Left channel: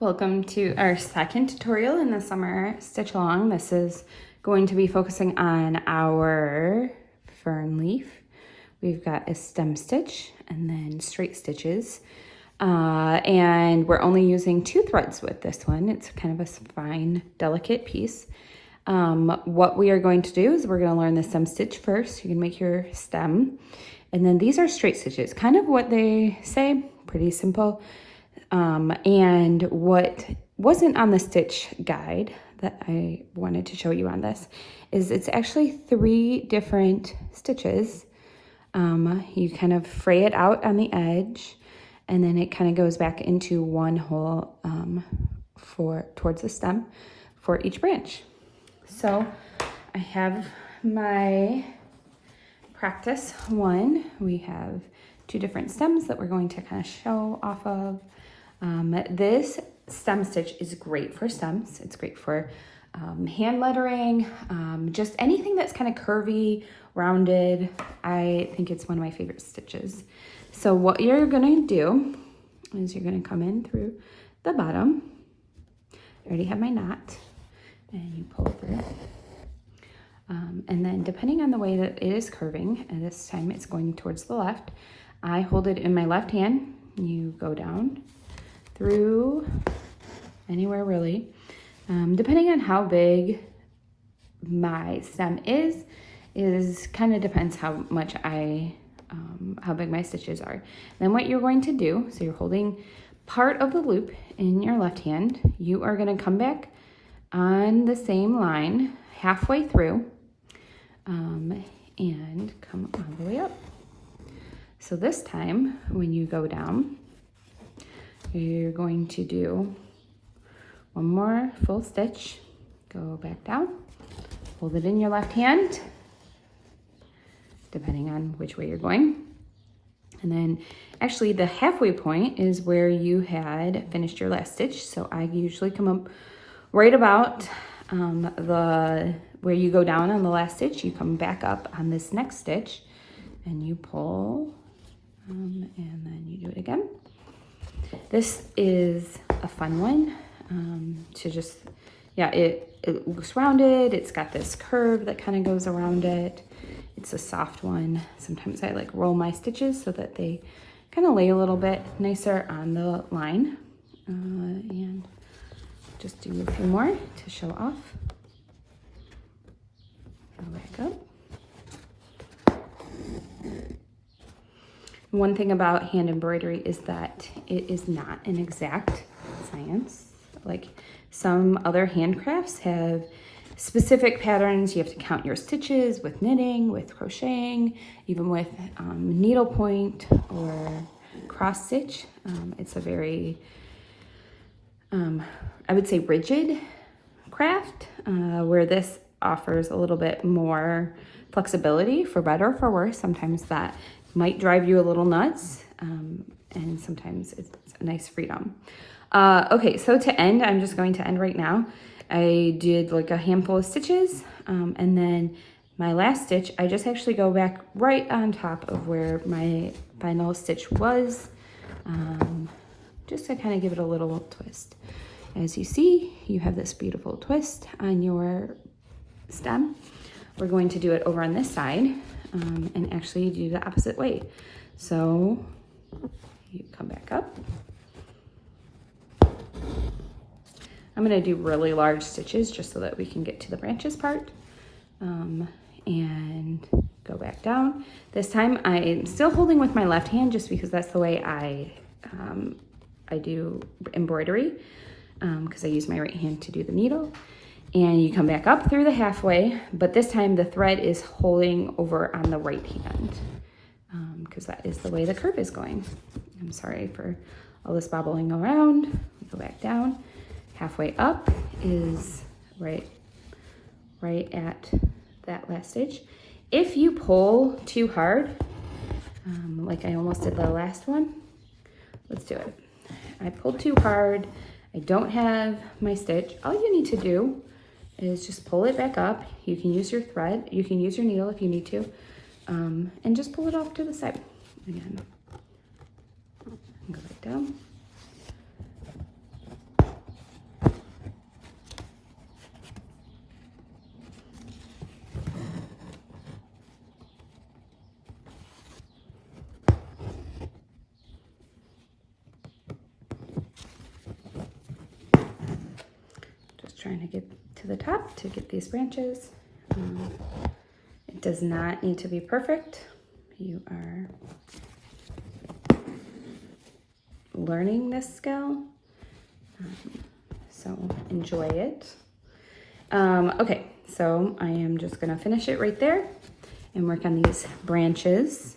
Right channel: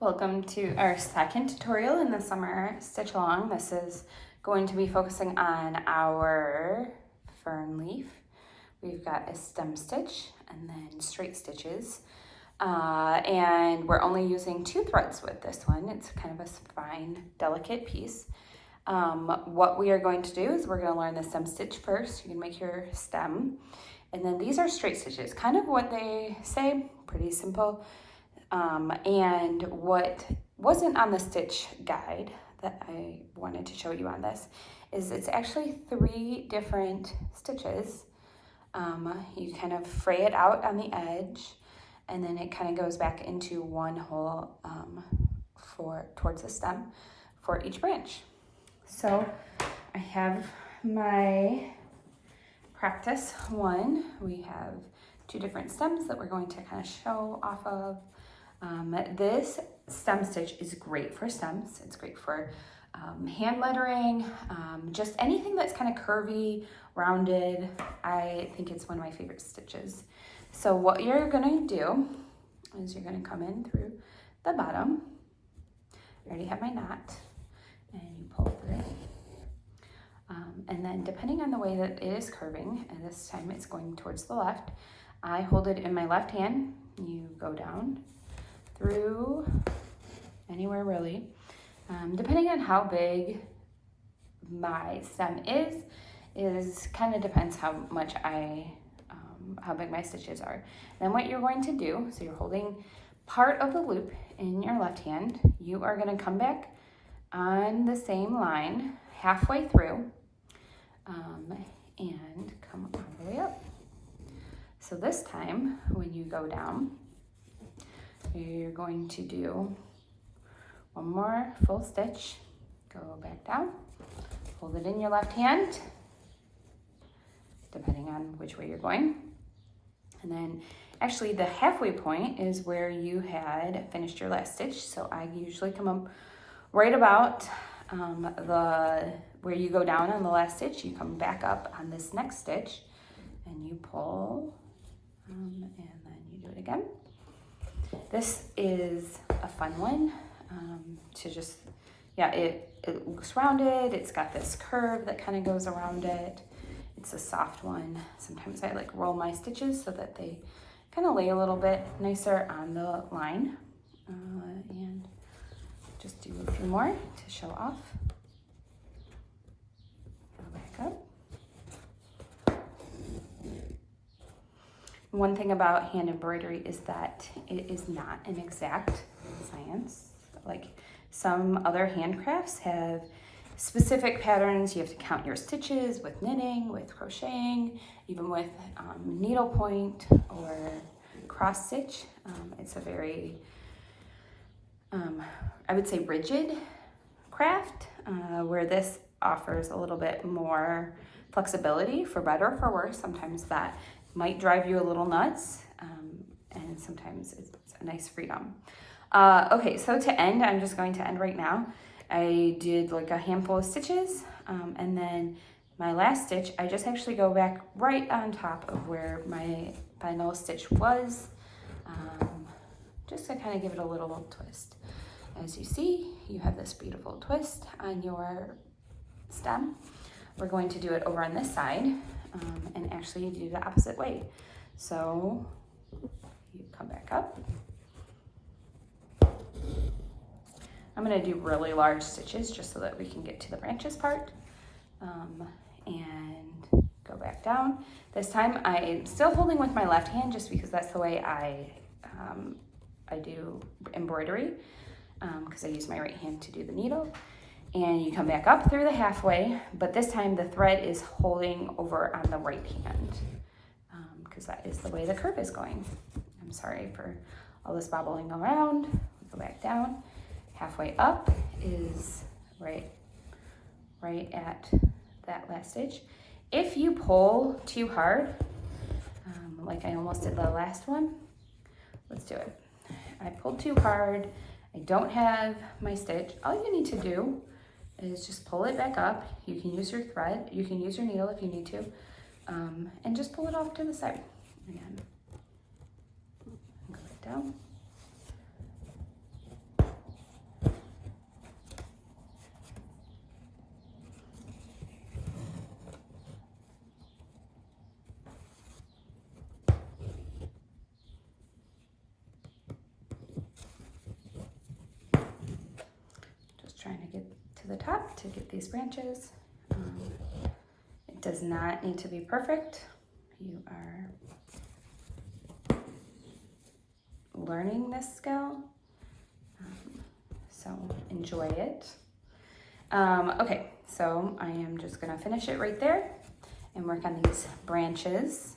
Welcome to our second tutorial in the summer stitch along. This is going to be focusing on our fern leaf. We've got a stem stitch and then straight stitches. And we're only using 2 threads with this one. It's kind of a fine, delicate piece. What we are going to do is we're going to learn the stem stitch first. You can make your stem. And then these are straight stitches, kind of what they say, pretty simple. And what wasn't on the stitch guide that I wanted to show you on this is it's actually 3 different stitches. You kind of fray it out on the edge, and then it kind of goes back into one hole towards the stem for each branch. So I have my practice one. We have 2 different stems that we're going to kind of show off of. This stem stitch is great for stems. It's great for hand lettering, just anything that's kind of curvy, rounded. I think it's one of my favorite stitches. So what you're gonna do is you're gonna come in through the bottom. I already have my knot, and you pull through. And then depending on the way that it is curving, and this time it's going towards the left, I hold it in my left hand. You go down through anywhere really. Depending on how big my stem is kind of depends how much how big my stitches are. Then what you're going to do, so you're holding part of the loop in your left hand, you are going to come back on the same line halfway through and come all the way up. So this time when you go down, you're going to do one more full stitch, go back down, hold it in your left hand, depending on which way you're going. And then actually the halfway point is where you had finished your last stitch. So I usually come up right about where you go down on the last stitch, you come back up on this next stitch and you pull and then you do it again. This is a fun one to just, yeah, it looks rounded. It's got this curve that kind of goes around it. It's a soft one. Sometimes I like roll my stitches so that they kind of lay a little bit nicer on the line. And just do a few more to show off. Go back up. One thing about hand embroidery is that it is not an exact science. Like some other handcrafts have specific patterns. You have to count your stitches with knitting, with crocheting, even with needlepoint or cross stitch. It's a very, I would say, rigid craft, where this offers a little bit more flexibility, for better or for worse. Sometimes that might drive you a little nuts, and sometimes it's a nice freedom. Okay, so to end, I'm just going to end right now. I did like a handful of stitches, and then my last stitch, I just actually go back right on top of where my final stitch was, just to kind of give it a little twist. As you see, you have this beautiful twist on your stem. We're going to do it over on this side. And actually do the opposite way. So you come back up. I'm going to do really large stitches just so that we can get to the branches part. And go back down. This time I'm still holding with my left hand just because that's the way I do embroidery, because I use my right hand to do the needle. And you come back up through the halfway, but this time the thread is holding over on the right hand, because that is the way the curve is going. I'm sorry for all this bobbling around. Go back down. Halfway up is right at that last stitch. If you pull too hard, like I almost did the last one, let's do it. I pulled too hard. I don't have my stitch. All you need to do is just pull it back up. You can use your thread, you can use your needle if you need to, and just pull it off to the side again. Go back down. trying to get to the top to get these branches. It does not need to be perfect. You are learning this skill, so enjoy it. Okay, so I am just gonna finish it right there and work on these branches.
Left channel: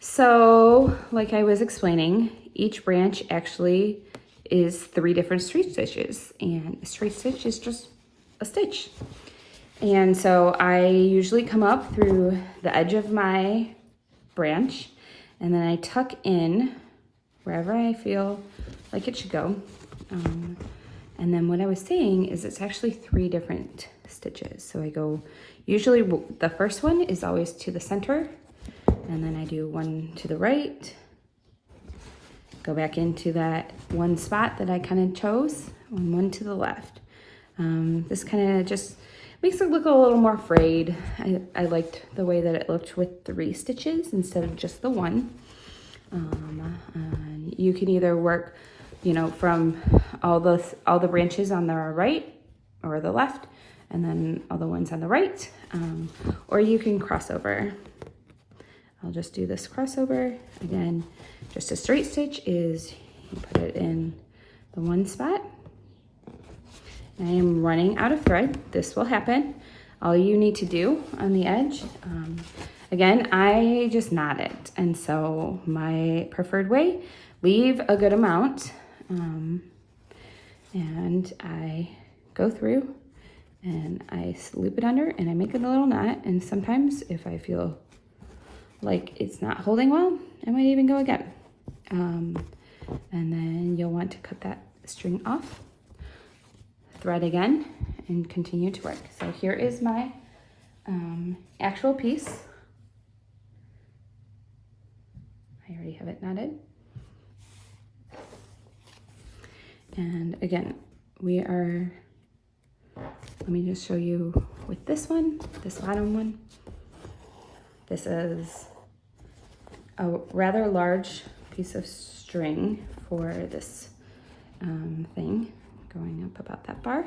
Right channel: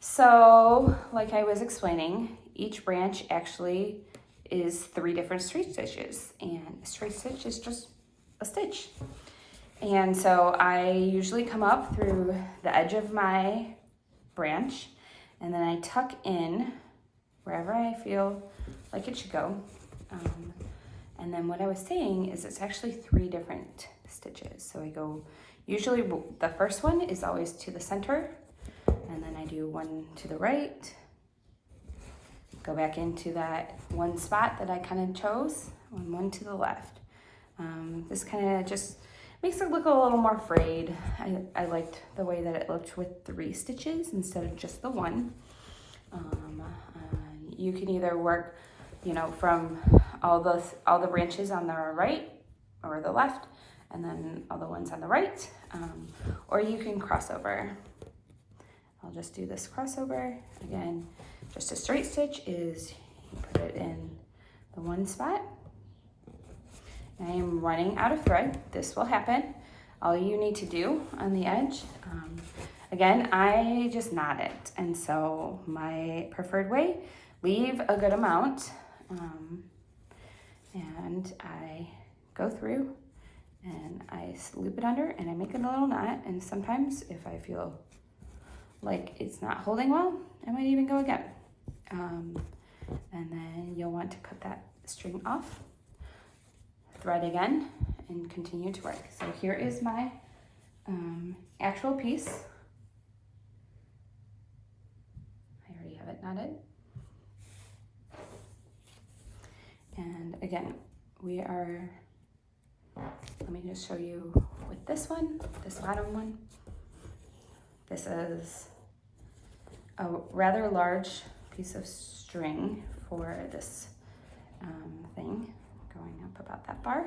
So, like I was explaining, each branch actually is 3 different straight stitches, and a straight stitch is just a stitch. And so I usually come up through the edge of my branch, and then I tuck in wherever I feel like it should go. And then what I was saying is it's actually 3 different stitches. So I go, usually the first one is always to the center, and then I do 1 to the right, go back into that one spot that I kind of chose, and 1 to the left. This kind of just makes it look a little more frayed. I liked the way that it looked with 3 stitches instead of just the 1. You can either work, you know, from all the branches on the right or the left, and then all the ones on the right, or you can cross over. I'll just do this crossover. Again, just a straight stitch is you put it in the one spot. I am running out of thread. This will happen. All you need to do on the edge, again, I just knot it. And so my preferred way, leave a good amount, and I go through and I loop it under and I make a little knot. And sometimes if I feel like it's not holding well, I might even go again. And then you'll want to cut that string off, thread again, and continue to work. So here is my actual piece. I already have it knotted. And again, we are, let me just show you with this one, this bottom one. This is a rather large piece of string for this thing, going up about that far.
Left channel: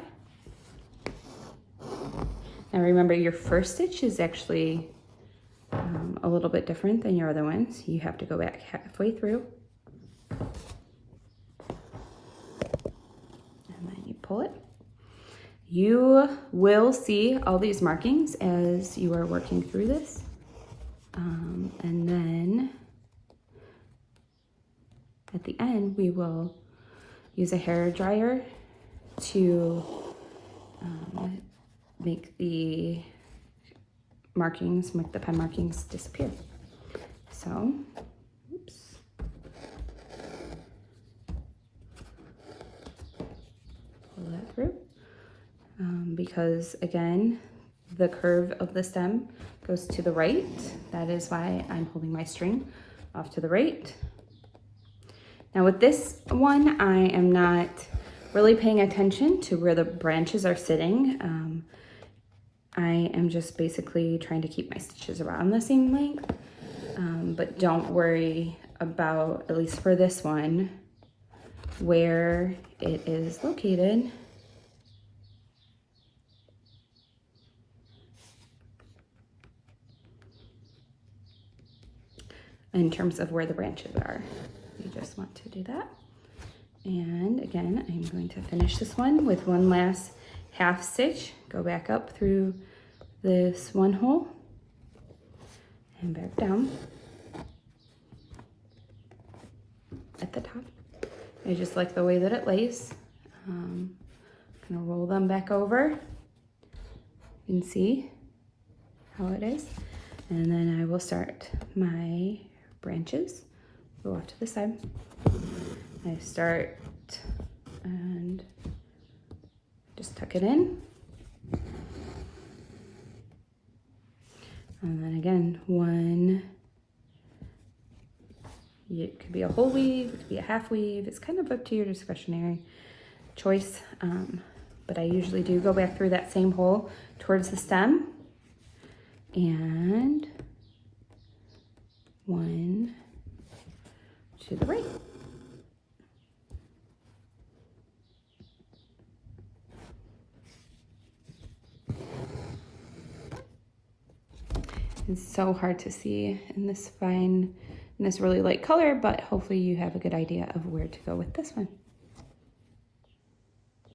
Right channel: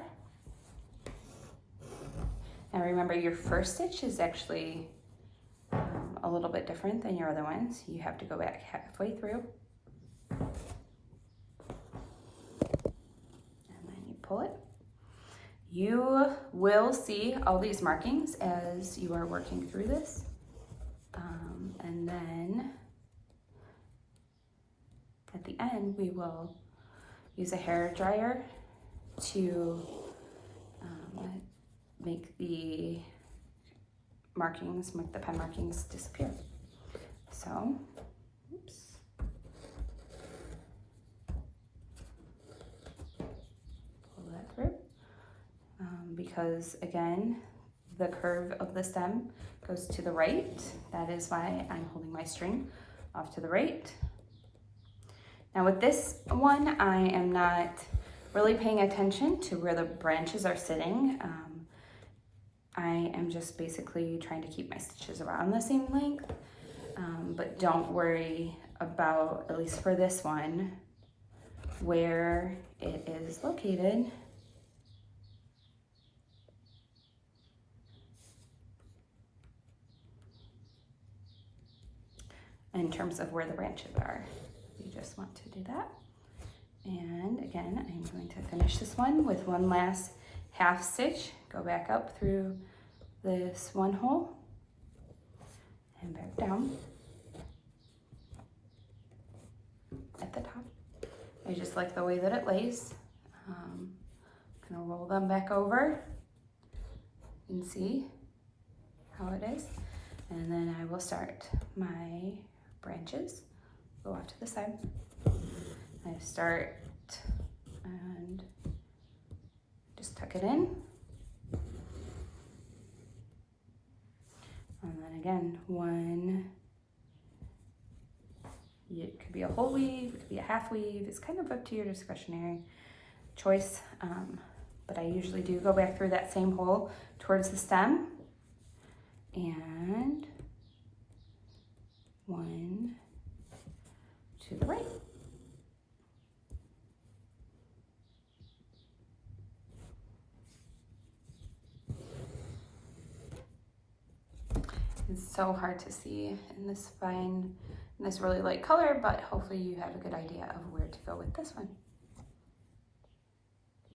Now remember, your first stitch is actually a little bit different than your other ones. You have to go back halfway through. And then you pull it. You will see all these markings as you are working through this. And then at the end, we will use a hair dryer to make the markings, make the pen markings disappear. So, oops. Pull that through. Because again, the curve of the stem goes to the right. That is why I'm holding my string off to the right. Now with this one, I am not really paying attention to where the branches are sitting. I am just basically trying to keep my stitches around the same length, but don't worry about, at least for this one, where it is located. In terms of where the branches are. You just want to do that. And again, I'm going to finish this one with one last half stitch. Go back up through this one hole and back down at the top. I just like the way that it lays. I'm gonna roll them back over. You can see how it is. And then I will start my branches, go off to the side. I start and just tuck it in. And then again, one, it could be a whole weave, it could be a half weave. It's kind of up to your discretionary choice. But I usually do go back through that same hole towards the stem. And one to the right. It's so hard to see in this really light color, but hopefully you have a good idea of where to go with this one.